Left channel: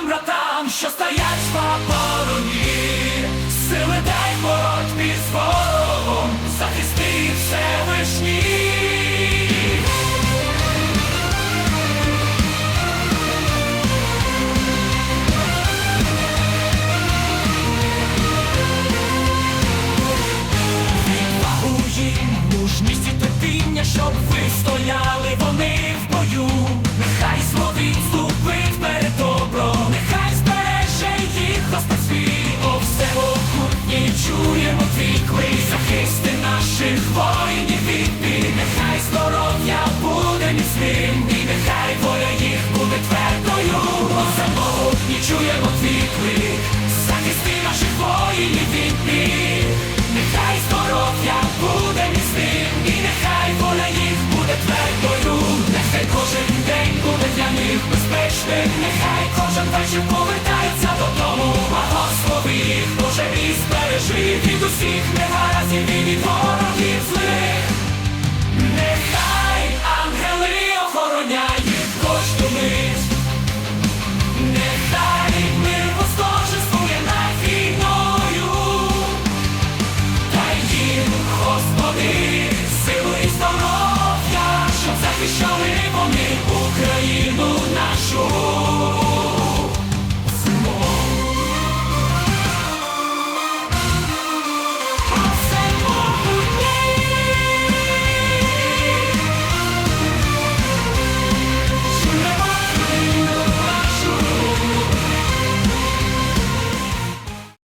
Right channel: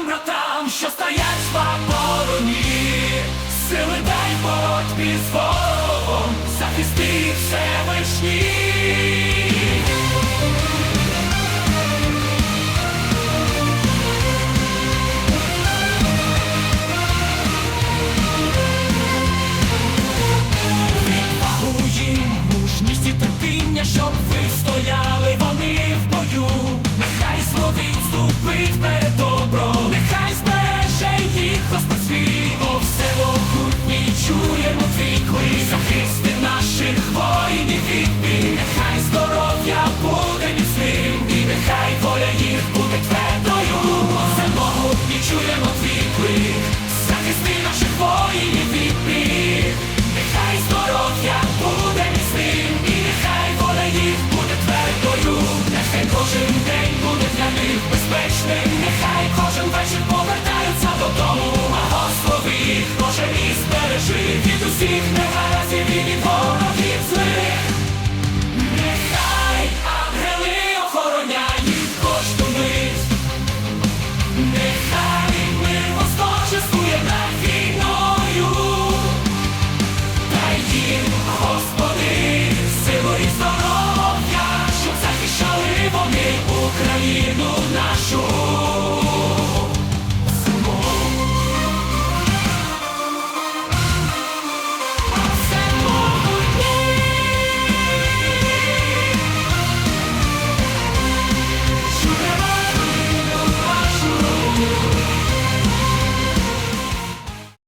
нашим братам, що стоять в обороні. Сили дай боротьбі з ворогом, захисти їх Всевишній. Відвагу їм, мужність і терпіння, щоб ви стояли чуємо твій клик захисти наших воїнів від бід нехай здоров'я буде міцним, і нехай воля їх буде твердою, нехай кожен день буде для них безпечним, нехай кожен вечір повертаються додому, а Господи їх Боже і збережи від усіх негаразів і від ворогів злих, нехай ангели охороняють. Господи, силу і здоров'я, щоб захищали вони Україну нашу.